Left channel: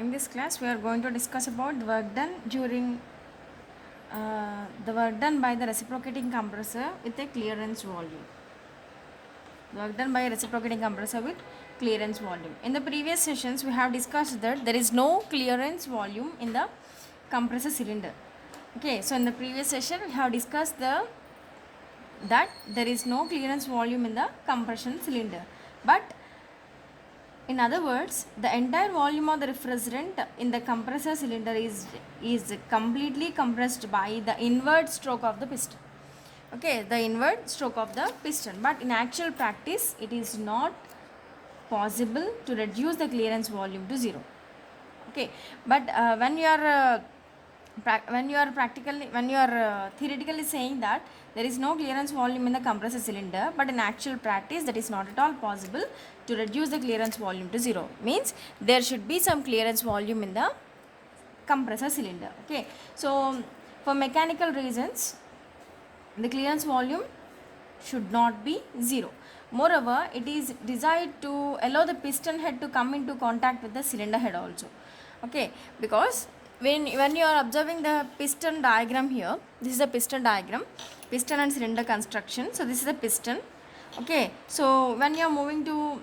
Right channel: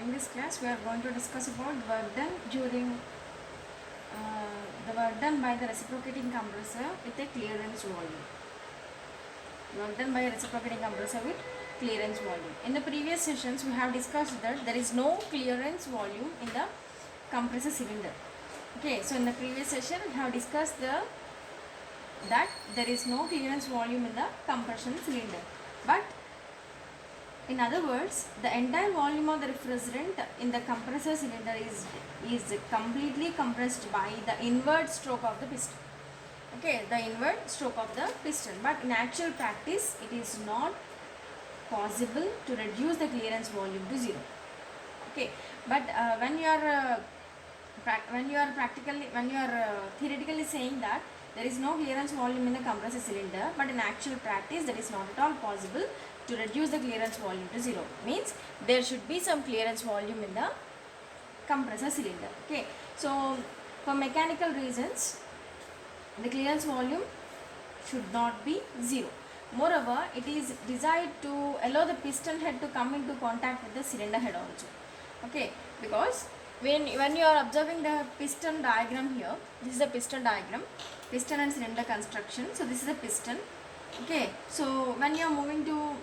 In this class, we are going to discuss about the work done during the work done by the reciprocating compressor with a clearance volume. Work done by a reciprocating compressor with clearance volume. In the previous sessions, we have discussed that there is no clearance volume in the compressor cylinder. Okay, so in the previous session, we have discussed that there is no clearance volume in the compression cylinder, but in other words, the entire volume of the refrigerant in the compressor cylinder is completely compressed by the inward stroke of the piston. Okay, the inward stroke of the piston. But in actual practice, it is not possible to reduce the clearance volume to zero. Okay, but when you are theoretically saying that there is no clearance volume in the compressor cylinder, but in actual practice that is not at all possible to reduce the clearance volume to zero. Means there should be some clearance volume in the compressor cylinder. Okay, so for mechanical reasons the clearance volume should not be zero. Moreover, it is desired to allow the piston head to come into contact with the cylinder head also. Okay, because when you are observing the piston diagram here, this is the piston diagram, piston and cylinder construction. So this is the piston. Okay, so when you are moving to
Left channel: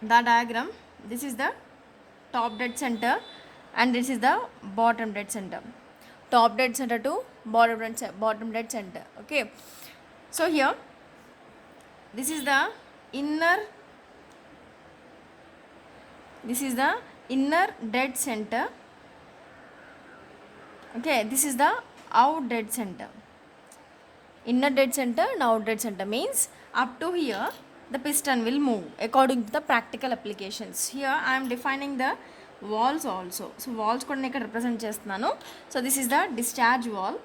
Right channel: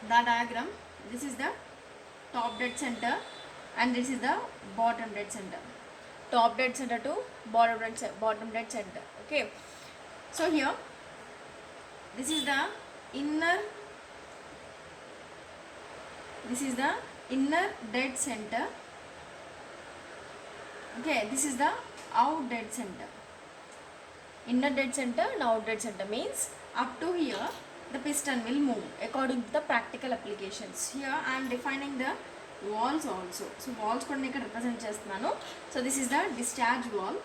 the diagram, this is the top dead center and this is the bottom dead center. Top dead center to bottom dead center. Okay, so here this is the inner dead center. Okay, this is the out dead center. Inner dead center and out dead center means up to here the piston will move according to the practical applications. Here I am defining the walls also. So walls కూడా నేను represent చేస్తున్నాను. So this is the discharge wall.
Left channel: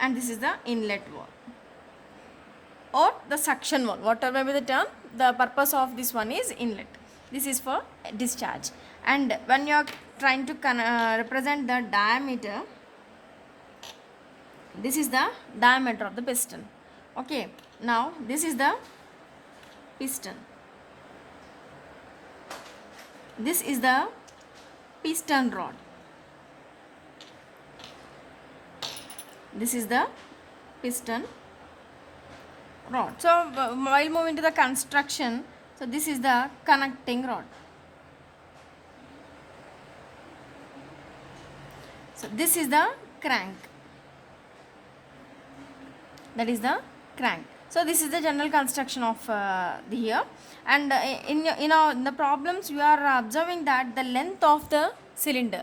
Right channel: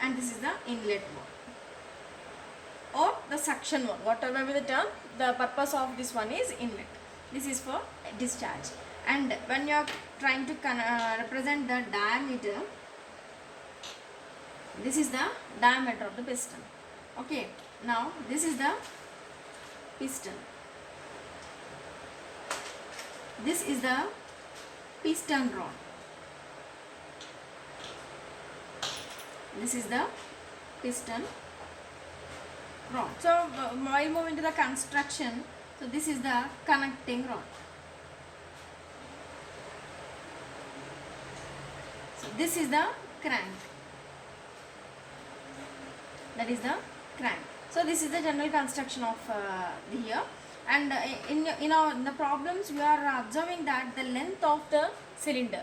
And this is the inlet wall or the suction wall, whatever be the term. The purpose of this one is inlet. This is for discharge. And when you are trying to represent the diameter, this is the diameter of the piston. Okay, now this is the piston. This is the piston rod. This is the piston rod. So while moving to the construction, so this is the connecting rod. So this is the crank. That is the crank. So this is the general construction of the here. And in the problems you are observing that the length of the cylinder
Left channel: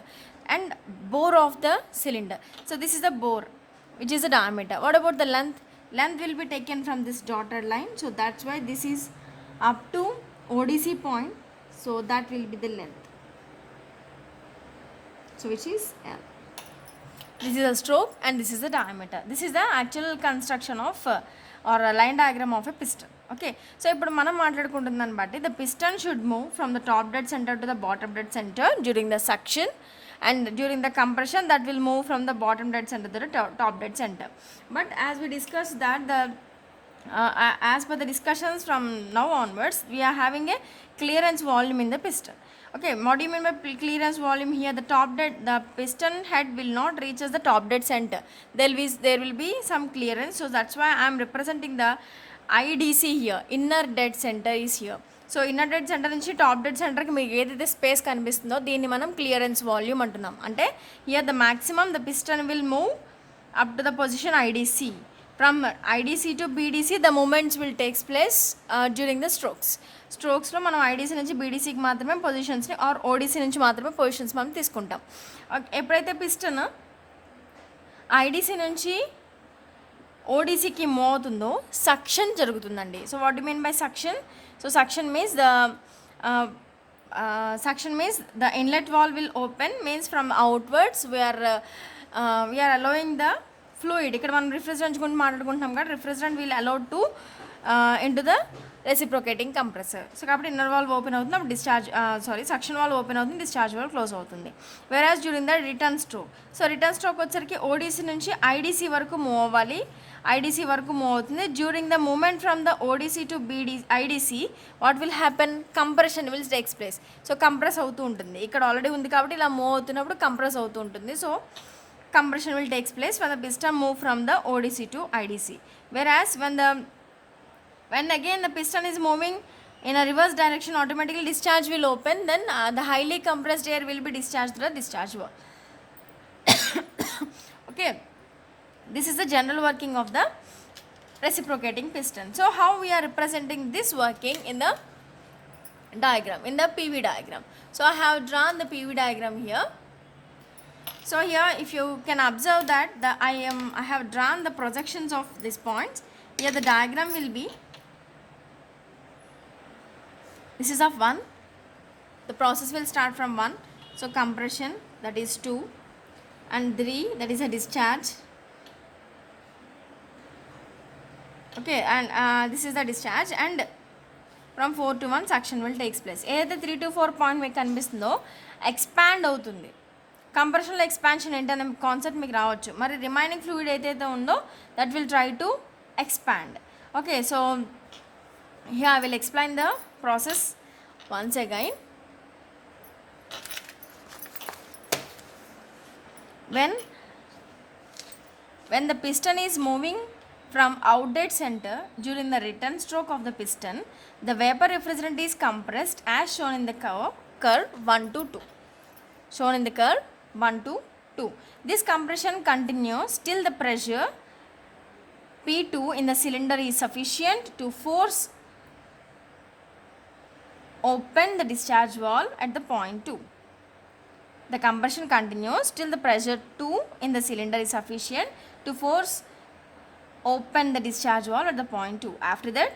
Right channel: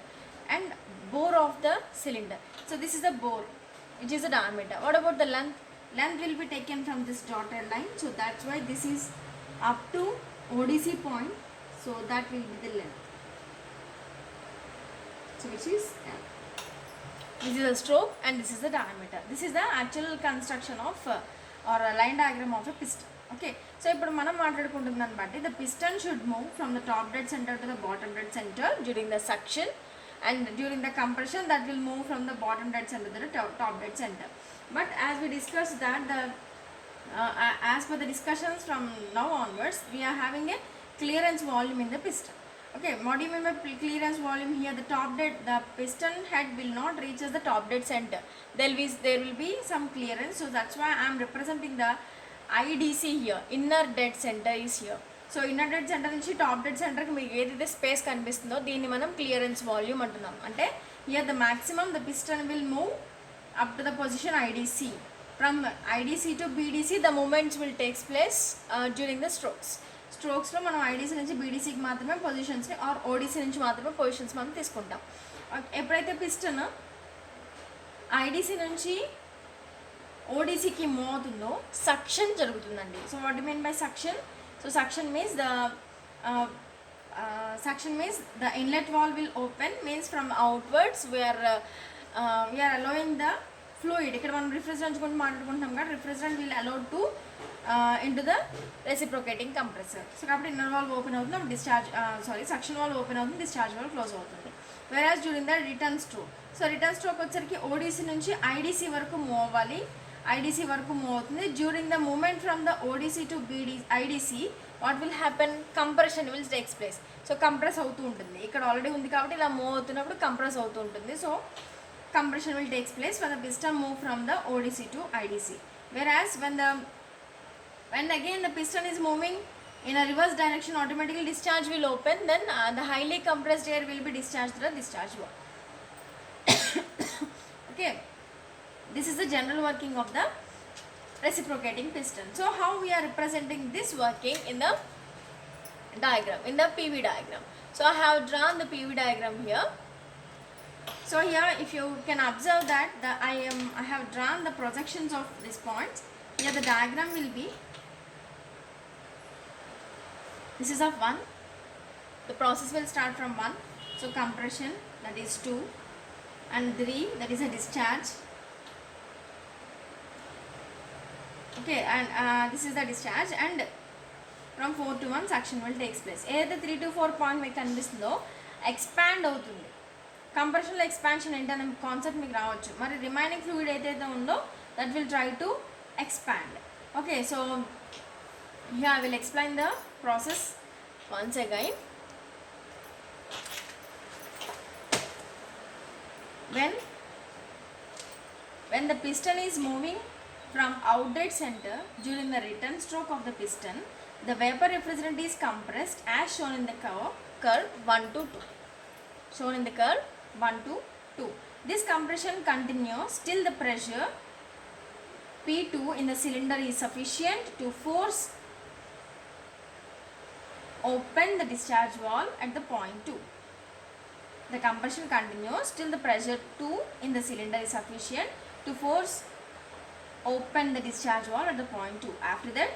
and bore of the cylinder. So this is the bore, which is the diameter. What about the length? Length will be taken from this dotted line. So that's why this is up to ODC point. So that will be the length. So which is this is a stroke and this is the diameter. This is the actual construction of or a line diagram of a piston. Okay, so ఇప్పుడు మనం మాట్లాడుకుంటున్నాం బట్టి the piston should move from the top dead center to the bottom dead center during the suction, and during the compression that will move from the bottom dead center to the top dead center. But as we discussed that as per the discussions from now onwards, we are having a clearance volume in the piston. Okay, what do you mean by clearance volume here? The piston head will not reach as the top dead center. There will be some clearance. So that's why I am representing the IDC here. Inner dead center is here. So inner dead centre నుంచి top dead సెంటర్కి మీకు ఏదైతే స్పేస్ కనిపిస్తుందో దీన్ని మనం clearance volume అంటున్నాం. అంటే here the maximum the piston will move up to the position IDC. From IDC to BDC the moments will takes place during the స్ట్రోక్స్లో మనం ఐడీసీ నుంచి బీడీసీకి మాత్రమే పొజిషన్స్ని ఆర్ ఓడీసీ నుంచి మాత్రమే పొజిషన్స్ మనం తీసుకుంటాం. ఎప్పుడైతే పిస్టన్ ఐడీసీ నుంచి ఓడీసీకి మూవ్ అవుతుందో సక్షన్ జరుగుతుందండి. So what you mean by suction? So suction means the inlet valve will open, means from outwards we are allowing the fluid. ఇక్కడ మనం రిఫ్రిజరెంట్ గురించి మాట్లాడుకుంటున్నాం కదా, refrigerant will allowed to into the reciprocating compressor. So కాబట్టి inner valve open అవుతుంది, అప్పుడు suction valve open అవుతుంది, discharge valve close అవుతుంది. Whereas during the return stroke, so return stroke వచ్చరికి ఓడీసీ నుంచి ఐడీసీ వరకు మూవ్ అవ్వాలి. ఐడిసి వరకు మూవ్ అవుతుంది. During the movement from the ODC to IDC what will happen, compression will takes place. So compress అవుతూ ఉంటుంది, ఇక్కడ ఆల్రెడీ ఉంది కాబట్టి ఇలా మూవ్ అవుతున్నప్పుడు కంప్రెస్ అవుతూ ఉంటుంది. So compression will takes place when the piston move from the ODC to IDC. Whereas when again the piston is moving in a reverse direction, automatically discharge will open, then the highly compressed air will be discharged through the discharge valve. Okay, this is the general working of the reciprocating piston. So how we are representing this working in the diagram, in the PV diagram. So I have drawn the PV diagram here. So here if you can observe that I have drawn the projections of these points. Here the diagram will be, this is of 1, the process will start from 1. So compression, that is 2, and 3, that is a discharge. Okay, and this is the discharge, and from 4 to 1 suction will takes place. ఏదైతే 3 to 4 పాయింట్ మీకు కనిపిస్తుందో ఎక్స్పాండ్ అవుతుంది. కంప్రెషన్లో ఎక్స్పాన్షన్ ఏంటనే కాన్సెప్ట్ మీకు రావచ్చు. మరి remaining fluid ఏదైతే ఉందో that will try to expand. Okay, so here I will explain the process once again. when the piston is moving from outlet center during the return stroke of the piston, the vapor refrigerant is compressed as shown in the curve 1 to 2. Shown in the curve 1 to 2. This compression continues till the pressure P2 in the cylinder is sufficient to force open the discharge valve at the point 2. The compression continues till the pressure 2 in the cylinder is sufficient to force open the discharge valve at the point 2. After that,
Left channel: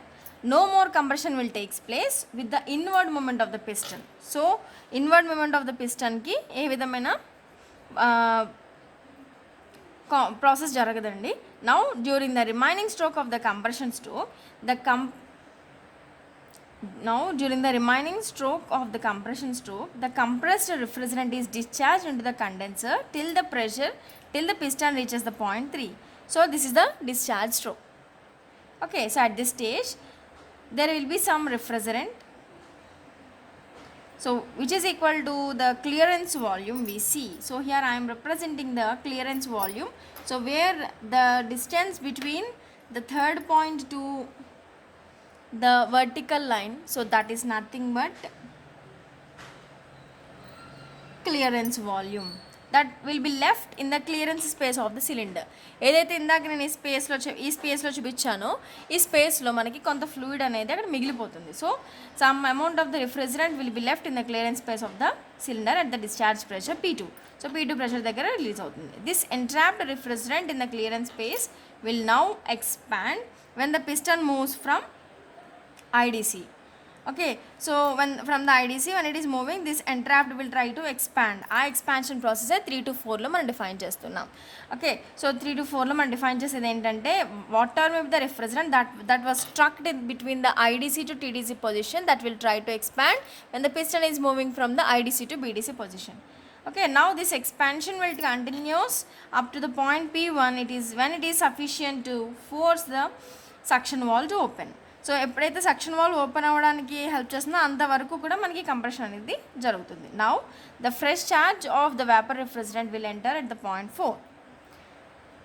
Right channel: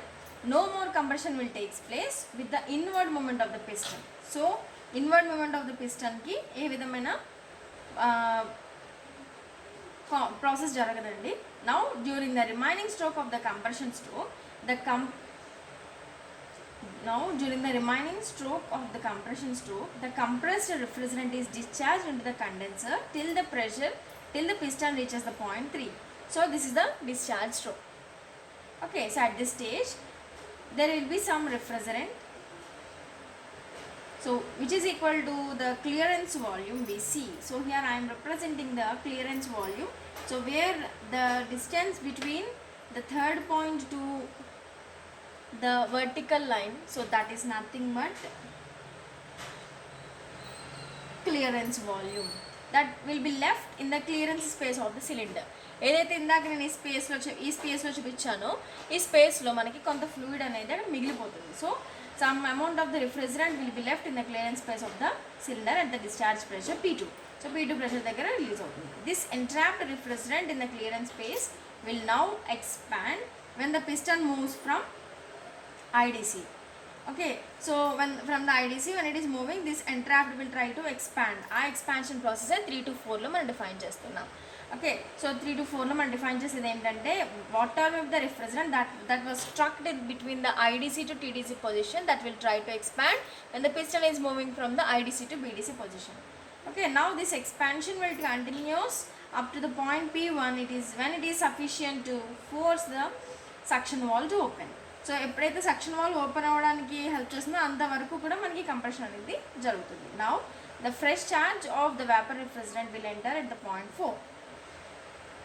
no more compression will takes place with the inward movement of the piston. So inward movement of the piston ki ఏ విధమైన ప్రాసెస్ జరగదండి. Now during the remaining stroke of the compression stroke, the compressed refrigerant is discharged into the condenser till the piston reaches the point 3. So this is the discharge stroke. Okay, so at this stage there will be some refrigerant, so which is equal to the clearance volume we see. So here I am representing the clearance volume. So where the distance between the third point to the vertical line, so that is nothing but clearance volume that will be left in the clearance space of the cylinder. ఏదైతే ఇందాక నేను ఈ స్పేస్లో చూపించానో ఈ స్పేస్లో మనకి కొంత ఫ్లూయిడ్ అనేది అక్కడ మిగిలిపోతుంది. So some amount of the refrigerant will be left in the clearance space of the cylinder at the discharge pressure P2. So P2 pressure దగ్గర రిలీజ్ అవుతుంది. This entrapped refrigerant in the clearance space will now expand when the piston moves from IDC. Okay, so when from the IDC, when it is moving, this entrapped will try to expand. ఆ expansion process 3 to 4లో మనం డిఫైన్ చేస్తున్నాం. Okay, so 3 to 4లో మనం డిఫైన్ చేసేది ఏంటంటే water with the refrigerant that was struck between the IDC to TDC position, that will try to expand when the piston is moving from the IDC to BDC position. Okay, now this expansion will continues up to the point P1. When it is sufficient to force the suction valve to open. So ఎప్పుడైతే suction valve open అవ్వడానికి help చేస్తుందో అంతవరకు కూడా మనకి compression అనేది జరుగుతుంది. Now the fresh charge of the vapour refrigerant will enter at the point 4.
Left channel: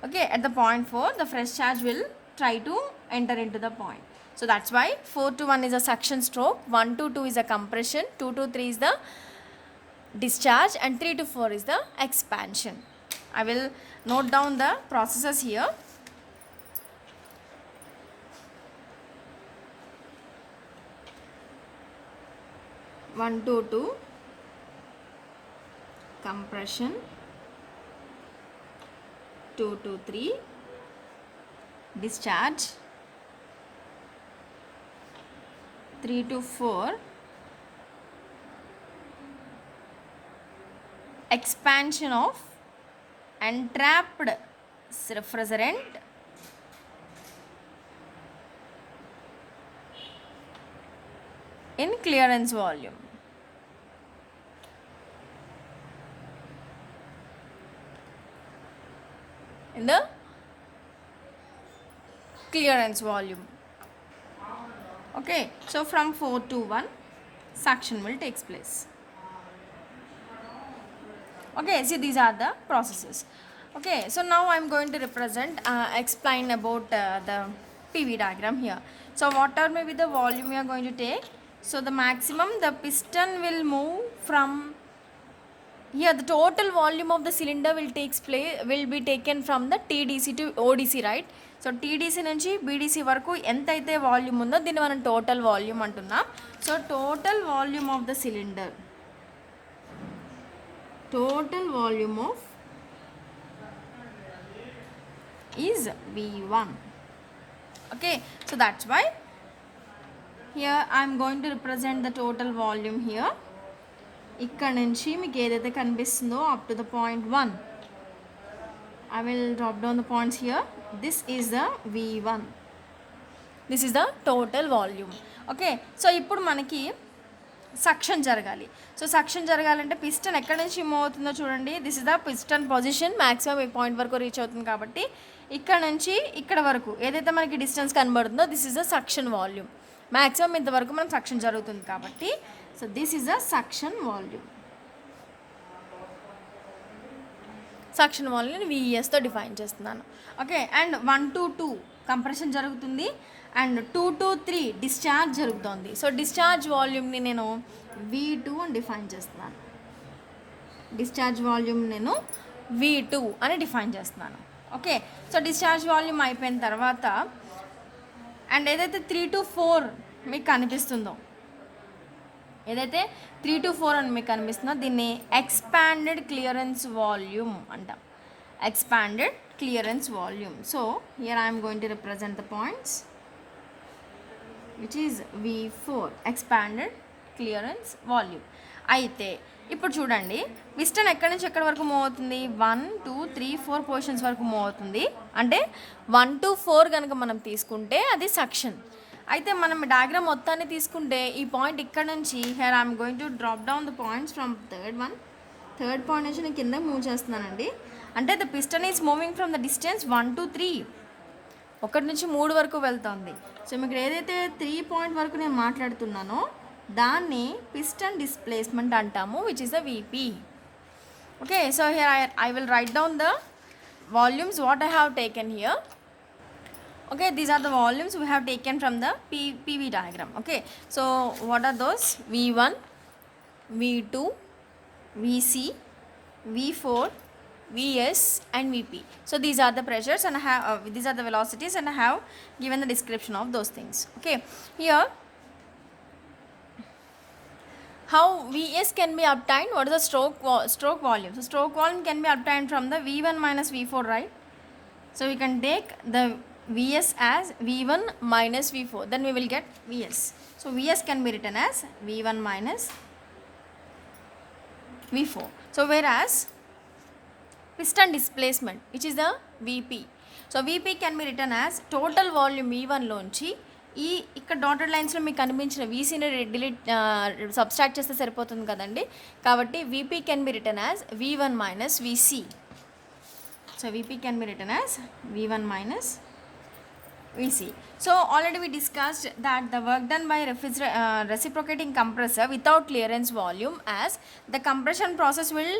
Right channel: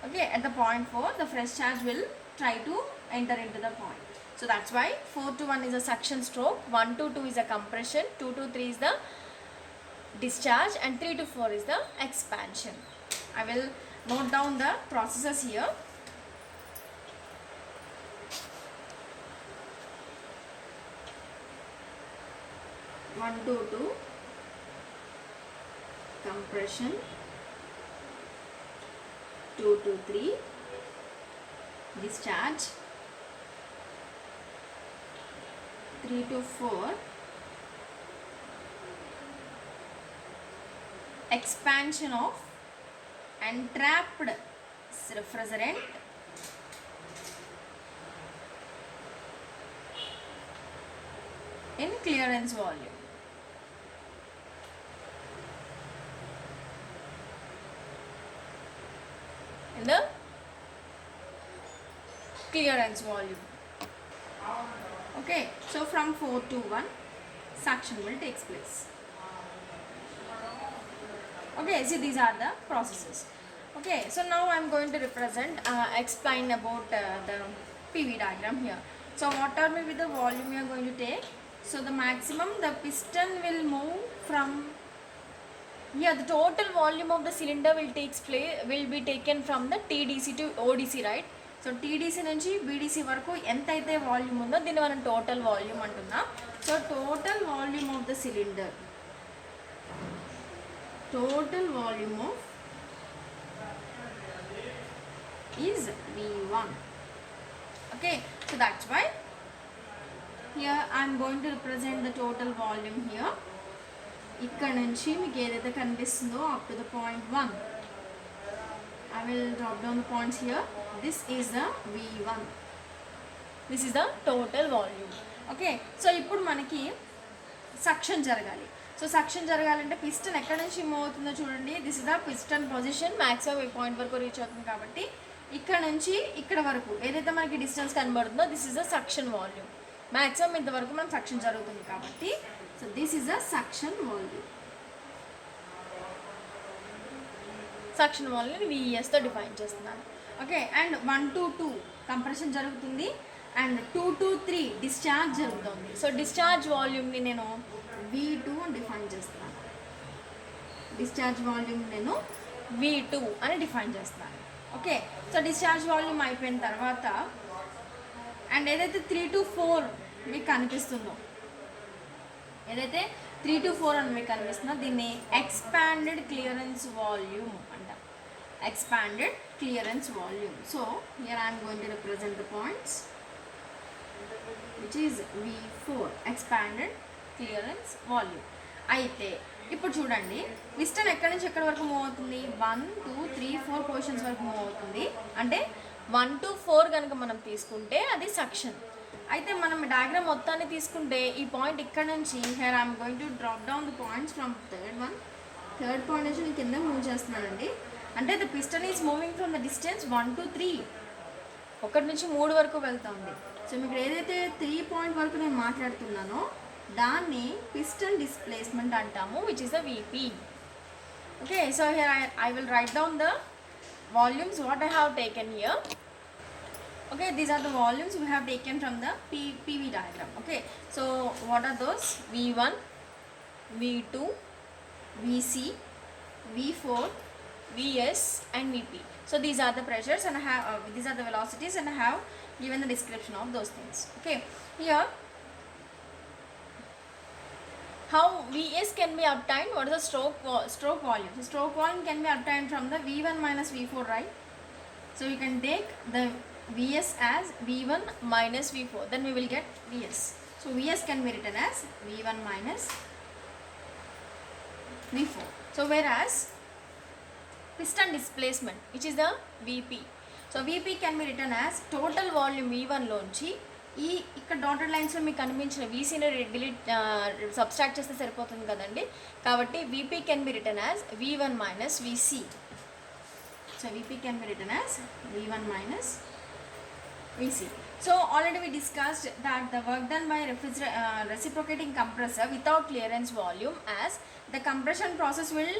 Okay, at the point 4 the fresh charge will try to enter in to the point. So that's why 4 to 1 is a suction stroke, 1 to 2 is a compression, 2 to 3 is the discharge, and 3 to 4 is the expansion. I will note down the processes here. 1 to 2 compression, 2 to 3 discharge, 3 to 4 expansion of entrapped refrigerant in clearance volume. In the clearance volume. Okay, so from 4 to 1 suction will takes place. Okay, see these are the processes. Okay, so now I'm going to represent explain about the PV diagram here. So what are maybe the volume we are going to take? So the maximum the piston will move from here, the total volume of the cylinder will be taken from the TDC to ODC, right? So TDC నుంచి బీడీసీ వరకు ఎంతైతే వాల్యూమ్ ఉందో దీన్ని మనం total volume అంటున్నాం. So total volume of the cylinder, total volume of is V1. Okay, so that's why here I am going to represent the total volume here. ఇక్కడ నుంచి మీకు ఏదైతే కనిపిస్తుందో up to the point 1, I will drop down the points here. This is the V1. This is the total volume. Okay, so ఇప్పుడు మనకి సక్షన్ జరగాలి. So suction జరగాలంటే పిస్టన్ ఎక్కడి నుంచి మూవ్ అవుతుందో చూడండి. This is the piston position. Maximum ఈ point వరకు రీచ్ అవుతుంది కాబట్టి ఇక్కడ నుంచి ఇక్కడ వరకు ఏదైతే మనకి డిస్టెన్స్ కనబడుతుందో this is the suction volume. Maximum ఇంతవరకు మనం సక్షన్ జరుగుతుంది కాబట్టి so this is the suction volume. Suction volume VESతో డిఫైన్ చేస్తున్నాను. ఓకే, అండ్ 1 to 2 కంప్రెషన్ జరుగుతుంది అండ్ 2 to 3 డిశ్చార్జ్ జరుగుతుంది. సో డిశ్చార్జ్ వాల్యూమ్ని నేను V2 అని డిఫైన్ చేస్తున్నాను. డిశ్చార్జ్ వాల్యూమ్ నేను V2 అని డిఫైన్ చేస్తున్నాను. ఓకే, సో డిశ్చార్జ్ వాల్యూమ్ అయిపోయిన తర్వాత అండ్ ఏదైతే 3 to 4 మీకు కనిపిస్తుందో, ఏదైతే 3 to 4 అని మీకు కనిపిస్తుందో దీన్ని ఎక్స్పాండెడ్ క్లియరెన్స్ వాల్యూమ్ అంటాం. Expanded clearance volume. So here I'm going to represent the points which is V4, expanded clearance volume. అయితే ఇప్పుడు చూడండి, పిస్టన్ ఎక్కడి నుంచి ఎక్కడి వరకు మూవ్ అవుతుంది? 1 2 3 4 పొజిషన్స్ వరకు మూవ్ అవుతుంది. అంటే 1 to 4 కనుక మనం తీసుకుంటే అది సక్షన్. అయితే మనం డయాగ్రామ్ మొత్తాన్ని తీసుకుంటే ఈ పాయింట్ ఇక్కడ నుంచి here I'm going to drop down the points from third point నుంచి నేను కింద మూవ్ చేస్తున్నానండి. అంటే the piston is moving from the distance 1 to 3, 1 నుంచి 3 వరకు వెళ్తుంది. సో మీకు ఏదైతే 3 పాయింట్ వరకు నేను మాట్లాడుతున్నానో దాన్ని పిస్టన్ డిస్ప్లేస్మెంట్ అంటాము, which is the VP. Okay, so here I will write down the volumes what I have taken here. Okay, these are the volumes we have taken from the PV diagram. Okay, so what are those? V1, V2, VC, V4, VS and VP. So these are the pressures and I have these are the velocities and I have given the description of those things. Okay, here how VS can be obtained? What is the stroke volume? So stroke volume can be obtained from the V1 minus V4, right? So we can take the VS as V1 minus V4, then we will get VS. So VS can be written as V1 minus V4. So whereas piston displacement, which is the VP, so VP can be written as total volume V1 లోంచి ఈ ఇక్కడ డాటెడ్ లైన్స్లో మీకు కనిపించిన VCని సబ్స్ట్రాక్ట్ చేస్తే సరిపోతుంది కదండి. కాబట్టి VP can be return as V1 minus VC. So VP can be written as V1 minus VC. So already we discussed that the work done by reciprocating compressor without clearance volume, as the compression process will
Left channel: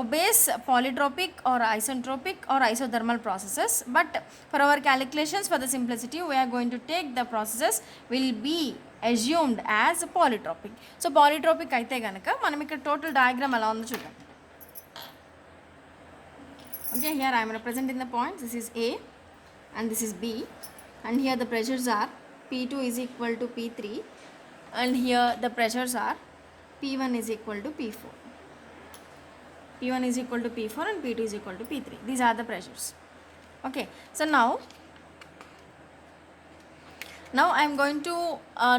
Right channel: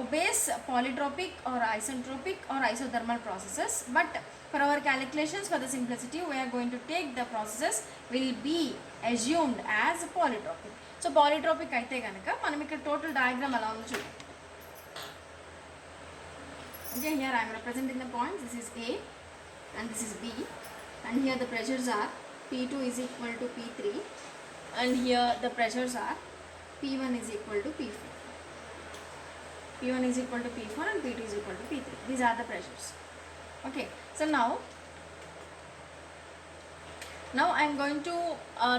obeys polytropic or isentropic or isothermal processes, but for our calculations for the simplicity we are going to take the processes will be assumed as polytropic. So polytropic అయితే గనక మనం ఇక్కడ total diagram ఎలా ఉందో చూడండి. Okay, here I am representing the points. This is A and this is B, and here the pressures are P2 is equal to P3, and here the pressures are P1 is equal to P4. P1 is equal to P4 and P2 is equal to P3. These are the pressures. Okay, so now I am going to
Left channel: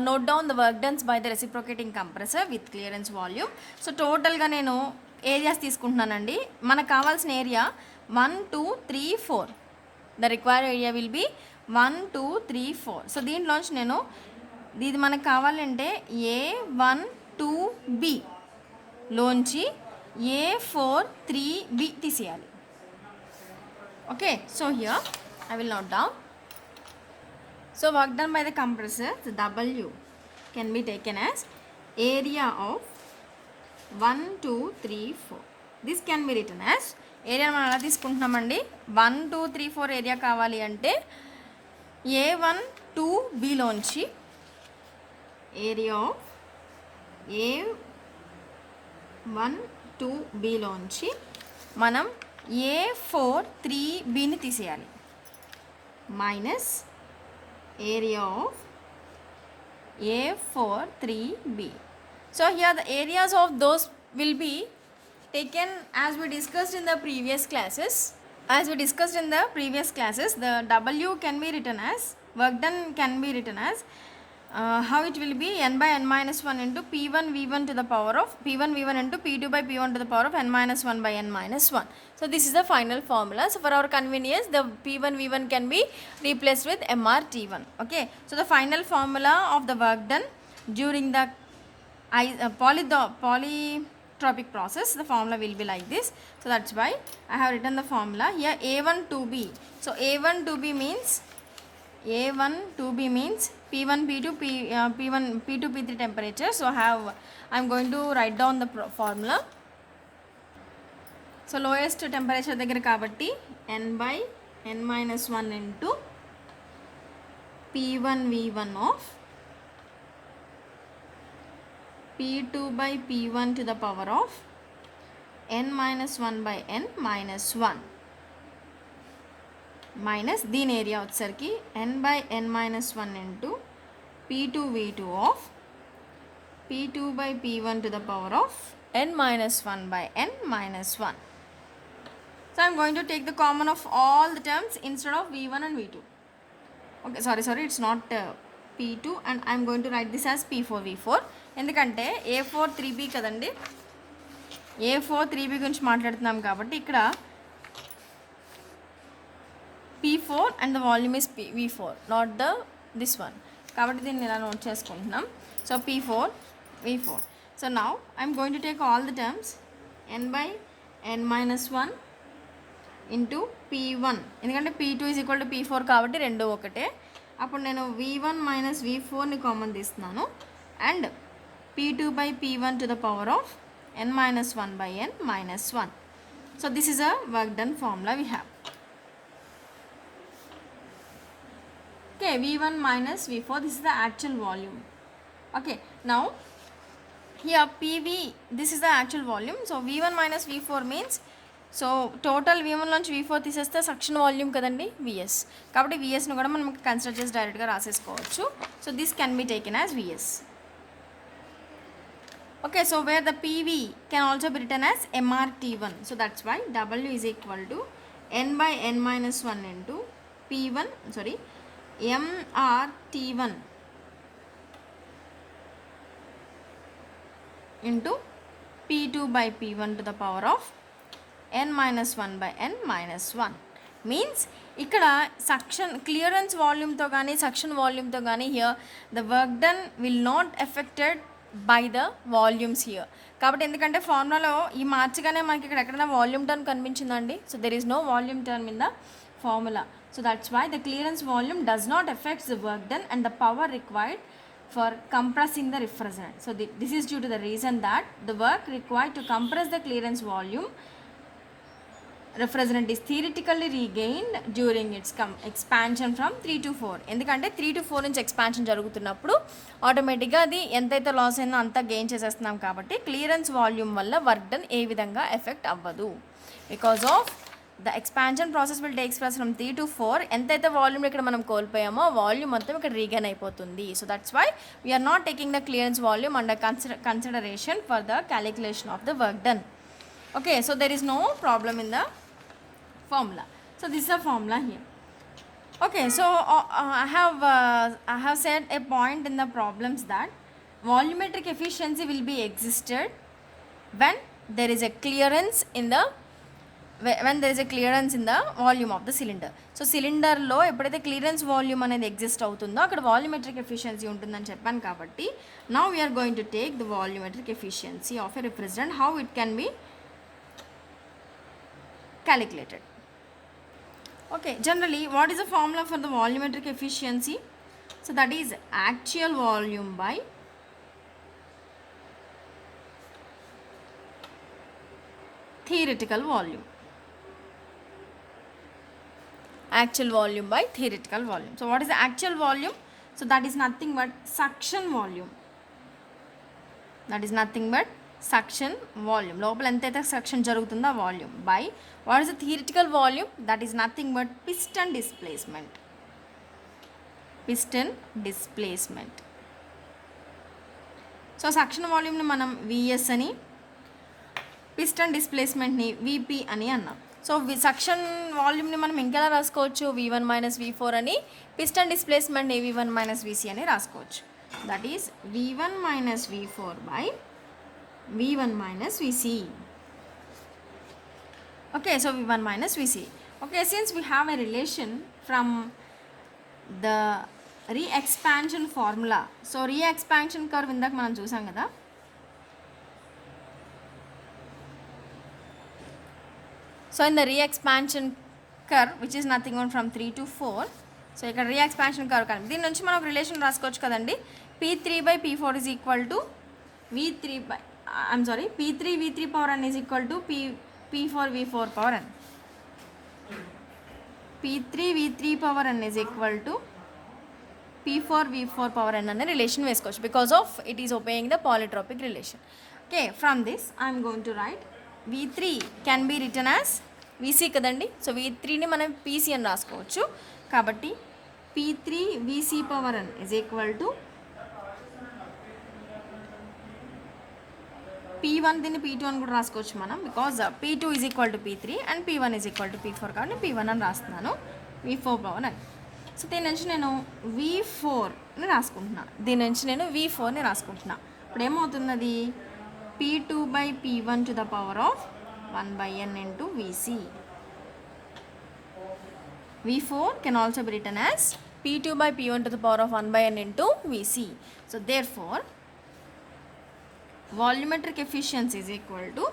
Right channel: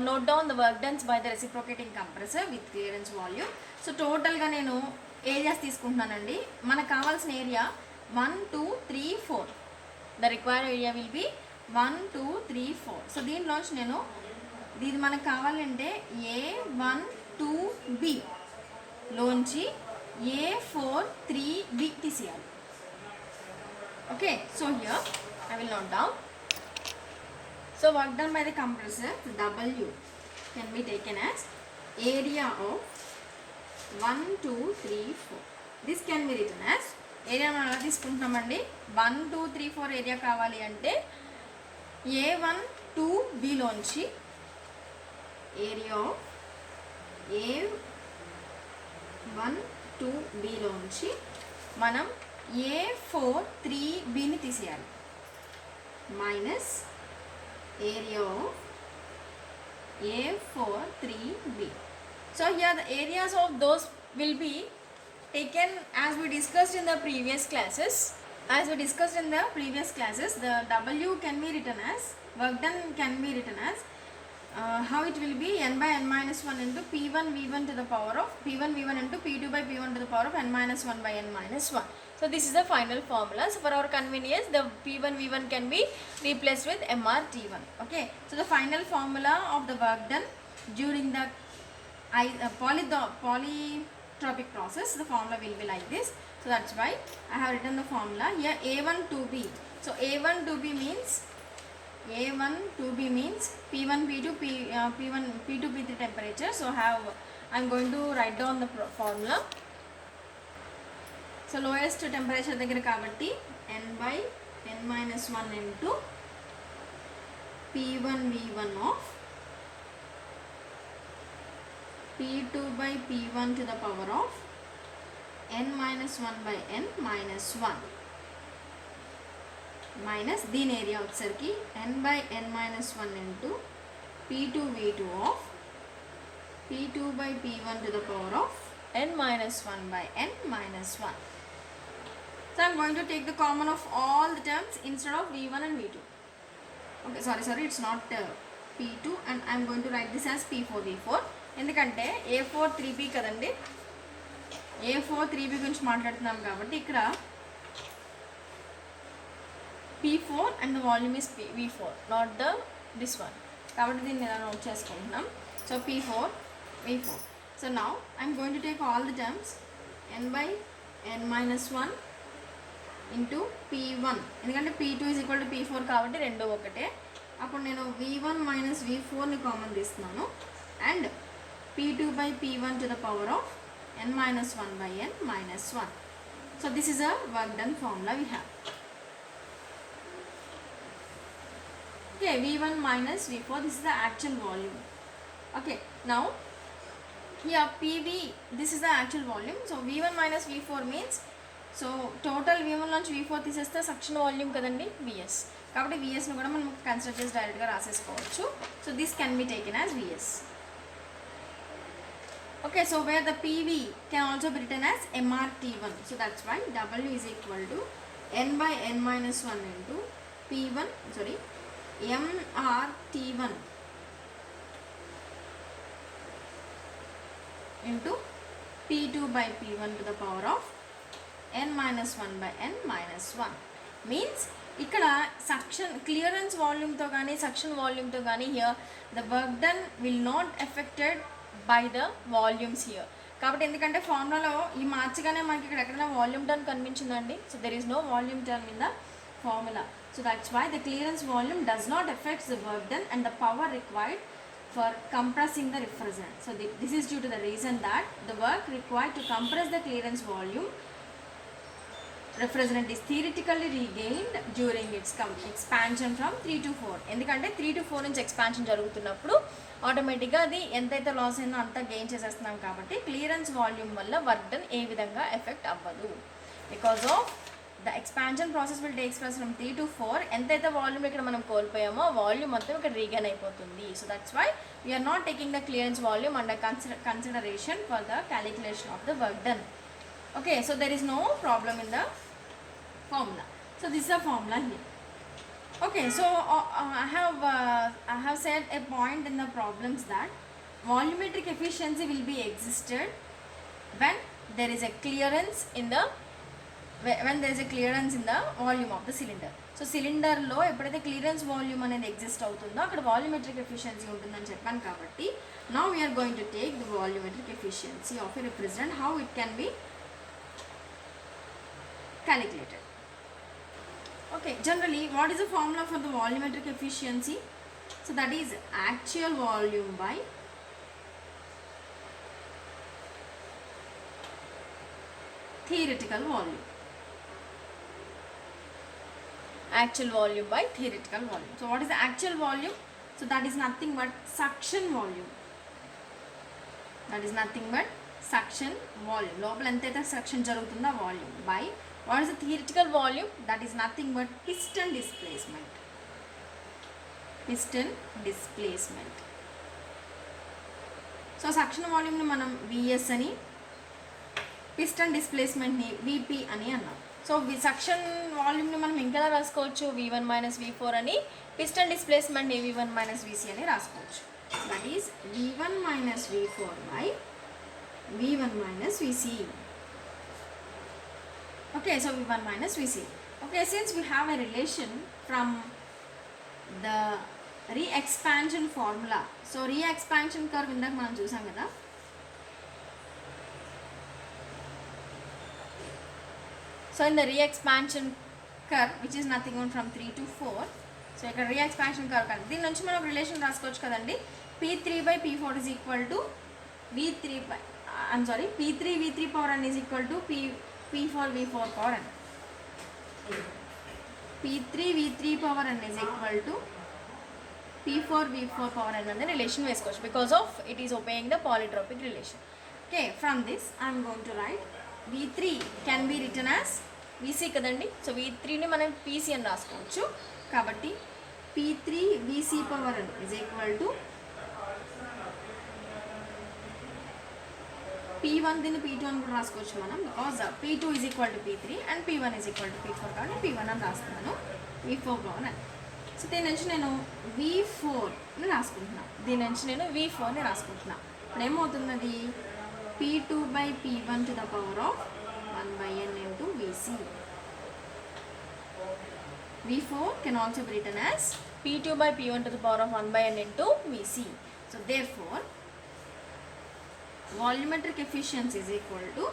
note down the work done by the reciprocating compressor with clearance volume. So total ga nenu areas తీసుకుంటున్నానండి. మనకు కావాల్సిన ఏరియా 1 2 3 4. The required area will be 1 2 3 4. సో దీంట్లోంచి నేను ఇది మనకు కావాలంటే A1 2B లోంచి A4 3B తీసేయాలి. Okay, so here I will note down So work done by the compressor, the W can be taken as area of 1, 2, 3, 4. This can be written as area మనం ఎలా తీసుకుంటున్నామండి 1, 2, 3, 4 ఏరియా కావాలి అంటే A1 to Bలోంచి area of A1 to Bలోంచి మనం A4 3Bని తీసేయాలి minus area of A4 3B. So here the areas of those will be taken as we discussed in the previous classes. The W can be written as, work done can be written as, how it will be n by n minus 1 into P1 V1 to the power of P1 V1 into P2 by P1 to the power of n minus 1 by n minus 1. So this is the final formula. So for our convenience, the P1 V1 can be replaced with MRT1. Okay. So the final formula of the work done during the polytropic process, the formula will be like this. So that's why I have written the formula here. A1 2B. So A1 2B means P1 P2 P1 P2 P3 temperature. So I'm going to write down the formula. So lowest temperature దగ్గర కాబట్టి n by n minus 1 into P1 V1 of P2 by P1 to the power of n minus 1 by n minus 1 minus దీని ఏరియా వచ్చేసరికి n by n minus 1 into P2 V2 of P2 by P1 to the power of n minus 1 by n minus 1. So I'm going to take the common of all the terms instead of V1 and V2. Okay, sorry, it's not P2 and I'm going to write this as P4 V4. ఎందుకంటే A4 3B కదండి, A4 3B గురించి మాట్లాడుతున్నాం కాబట్టి ఇక్కడ P4 and the volume is V4, not this one. కాబట్టి దీన్ని ఇలా నోట్ చేసుకుంటున్నాం. So P4 V4. So now I'm going to take all the terms n by n minus 1 into P1, ఎందుకంటే P2 is equal to P4 కాబట్టి రెండు ఒకటే. అప్పుడు నేను V1 minus V4ని కామన్ తీస్తున్నాను and P2 by P1 to the power of n minus 1 by n minus 1. So this is a work done formula we have. Okay, V1 minus V4, this is the actual volume. Okay, now here PV, this is the actual volume. So V1 minus V4 means, so total V1 నుంచి V4 తీసేస్తే suction volume కదండి VS, కాబట్టి VSను కూడా మనం consider చేసి డైరెక్ట్గా రాసేసుకోవచ్చు. So this can be taken as VS. Okay, so where the PV can also be written as MRT1. So that's why W is equal to n by n minus 1 into MRT1 into P2 by P1 to the power of n minus 1 by n minus 1. మీన్స్ ఇక్కడ suction clearance వాల్యూమ్తో కానీ suction వాల్యూమ్తో కానీ here the work done will not effected by the volumes here. కాబట్టి ఎందుకంటే ఫార్ములాలో ఈ మార్చగానే మనకి ఇక్కడ ఎక్కడైనా వాల్యూమ్ టర్మ్ కనిపించిందండి. So there is no volume term in the formula. So that's why the clearance volume does not effects the work done and the power required for compressing the refrigerant. So this is due to the reason that the work required to compress the clearance volume refrigerant is theoretically regained during its expansion from 3 to 4. ఎందుకంటే 3 to 4 నుంచి ఎక్స్పాన్షన్ జరుగుతున్నప్పుడు ఆటోమేటిక్గా అది ఎంతైతే లాస్ అయిందో అంతా గెయిన్ చేసేస్తున్నాం కాబట్టి క్లియరెన్స్ వాల్యూమ్ వల్ల వర్క్ డన్ ఏ విధంగా ఎఫెక్ట్ అవ్వదు. Because of the expansion process will takes place from 3 to 4. ఎంతైతే వాల్యూమ్ ఇక్కడ మనం కోల్పోయామో ఆ వాల్యూమ్ మొత్తం ఇక్కడ రీగైన్ అయిపోతుంది. So that's why we are not taking the clearance volume under consideration for the calculation of the work done. Okay, so there is no problem in the formula. So this is a formula here. Okay, so I have said a point in the problems that volumetric efficiency will be existed when there is a clearance in the volume of the cylinder. So cylinder లో ఎప్పుడైతే clearance volume అనేది ఎగ్జిస్ట్ అవుతుందో అక్కడ volumetric efficiency ఉంటుందని చెప్పాను కాబట్టి now we are going to take the volumetric efficiency of a refrigerant, how it can be calculated. Okay, generally what is the formula for the volumetric efficiency? So that is actual volume by theoretical volume. Actual volume by theoretical volume. So what is the actual volume? So that is nothing but suction volume. That is nothing but suction volume. లోపల ఎంతైతే suction జరుగుతుందో ఆ volume by what is the theoretical volume? That is nothing but piston displacement. Piston displacement. So suction వాల్యూమ్ని మనం VS అని, పిస్టన్ డిస్ప్లేస్మెంట్ని విపి అని అన్నాం. సో సక్షన్ వాల్యూమ్ని మనం ఇంకెలా రాసుకోవచ్చు? V1 మైనస్ V4 అని, పిస్టన్ డిస్ప్లేస్మెంట్ని V1 మైనస్ VC అని రాసుకోవచ్చు. That is V1 minus V4 by V1 minus VC. Okay, so V1 minus VC. Okay, since we have a relation from the re-expansion formula, so re-expansion curve ఇందాక మనం చూసాం కదా. So in the re-expansion curve, which is nothing on from 3 to 4, so ఇక్కడ re-expansion curve కానీ దీని నుంచి మనం రిలేషన్ రాసుకోవచ్చు కదండి. P3 by P4 is equal to V3 by P3 V3 power n is equal to P4 V4 power n. P3 V3 power n is equal to P4 V4 power n అనే రిలేషన్ వేసుకోవచ్చు because of it is obeying the polytropic relation. Okay, from this I am going to write V3 can be written as VC కదండి. సో V3ని మనం PC అని రాసుకోవచ్చు. కాబట్టి P3 VC power n is equal to P1 దీన్ని P2 అని కూడా రాసుకోవచ్చు మనం, because P2 is equal to P3 and P1 is equal to P4 కాబట్టి P1 అని రాస్తున్నాను, V4 పవర్ అని. సో దీని నుంచి నేను V4ని రాసుకుంటున్నా, దీని నుంచి నేను V4ని రాసుకుంటున్నా. ఇప్పుడు ఏమవుతున్నది? P2 by P1 to the power of 1 by n into VC. V4 can also be written as P2 by P1 to the power of 1 by n into VC. So therefore volumetric efficiency is equal to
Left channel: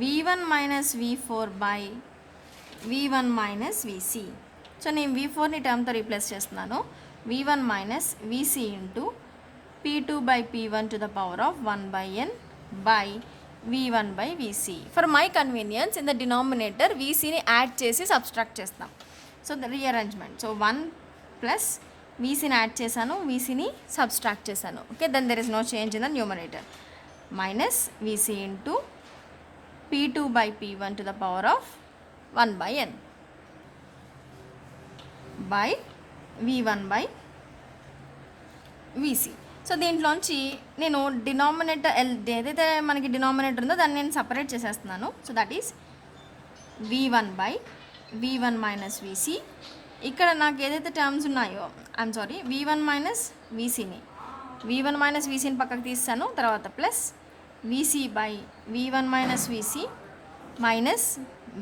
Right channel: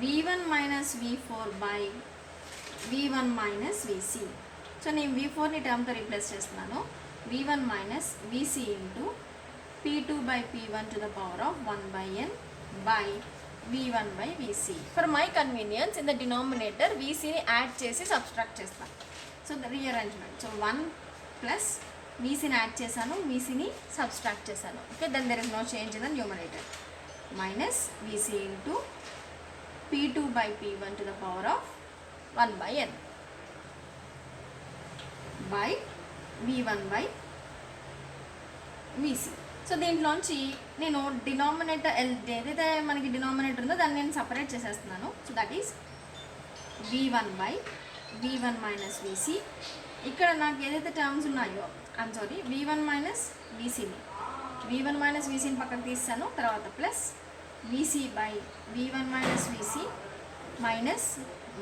V1 minus V4 by V1 minus VC. So నేను V4ని టర్మ్తో రీప్లేస్ చేస్తున్నాను, V1 minus VC into P2 by P1 to the power of 1 by n by V1 by VC. For my convenience in the denominator VCని add చేసి subtract చేస్తాం. So the rearrangement, so 1 plus VCని add చేశాను, VCని subtract చేశాను. Okay, then there is no change in the numerator. Minus VC into P2 by P1 to the power of 1 by n by V1 by VC. So దీంట్లోంచి నేను డినామినేటర్ ఏదైతే మనకి డినామినేటర్ ఉందో దాన్ని నేను సపరేట్ చేసేస్తున్నాను. So that is V1 by V1 minus VC. ఇక్కడ నాకు ఏదైతే టర్మ్స్ ఉన్నాయో V1 minus VCని పక్కకు తీస్తాను, తర్వాత plus VC by V1 minus VC minus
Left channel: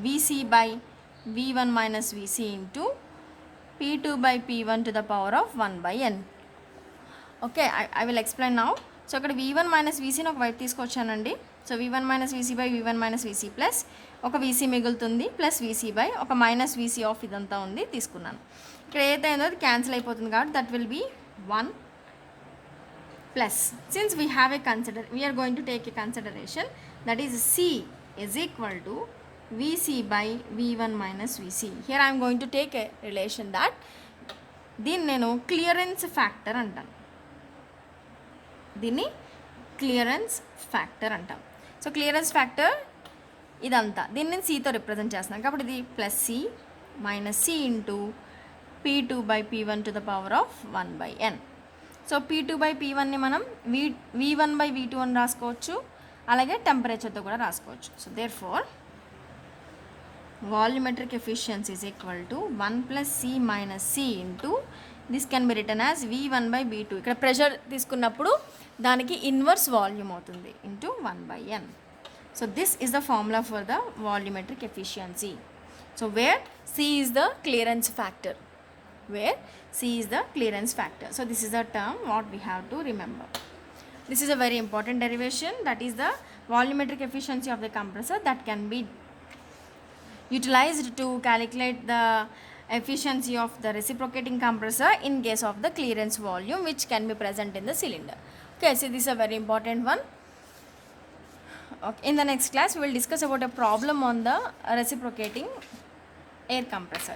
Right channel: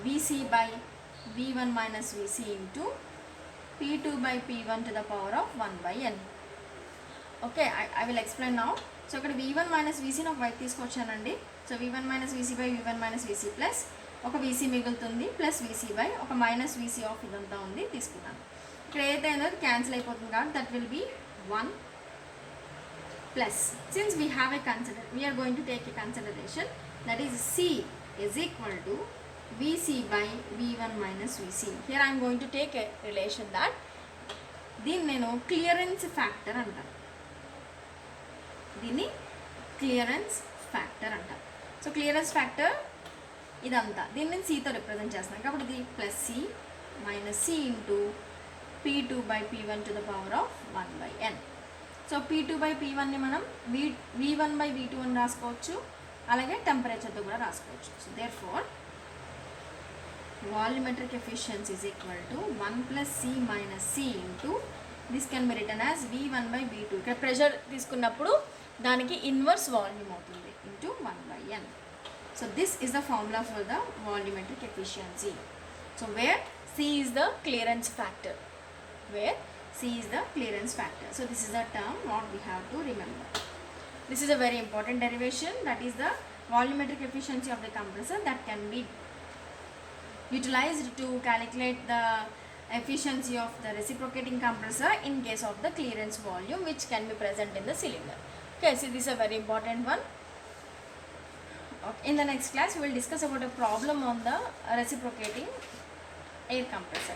VC by V1 minus VC into P2 by P1 to the power of 1 by n. Okay, I will explain now. So ఇక్కడ V1 minus VCని ఒక వైపు తీసుకొచ్చానండి. So V1 minus VC by V1 minus VC plus ఒక VC మిగులుతుంది, plus VC by ఒక minus VC of ఇదంతా ఉంది తీసుకున్నాను. ఇక్కడ ఏదైతే ఉందో అది క్యాన్సిల్ అయిపోతుంది కాబట్టి that will be 1 plus, since we are going to take a consideration, that is C is equal to VC by V1 minus VC. Here I am going to take a relation that దీన్ని నేను clearance factor అంటాను, దీన్ని clearance factor అంటాం. So clearance factor ఇదంతా దీన్ని నేను Cతో రిప్రజెంట్ చేస్తున్నాను కాబట్టి ఇది plus C minus C into P2 by P1 to the power of 1 by n. So P2 by P1ని మనం V1 by V2 అని రాసుకోవచ్చు, అలాగే టెంపరేచర్తో కూడా రాసుకోవచ్చు. So therefore volumetric efficiency is equal to 1 plus C minus C into this can be written as V1 by V2. ఇక్కడ pressure తీసుకున్నప్పుడు దానికి ఇన్వర్స్ వాల్యూమ్ అవుతుంది into 1 by n. So this is the formula for the volumetric efficiency. So where C is the clearance factor, C is the clearance factor. So this is the term what we have to remember. This is a very important derivation, that is the volumetric efficiency of the compressor that can be utilized to calculate the efficiency of the reciprocating compressor in case of the clearance volume which can be present in the cylinder. Okay, so this is a very important one. Okay, in the next class we will discuss about a problem on the reciprocating air compressor.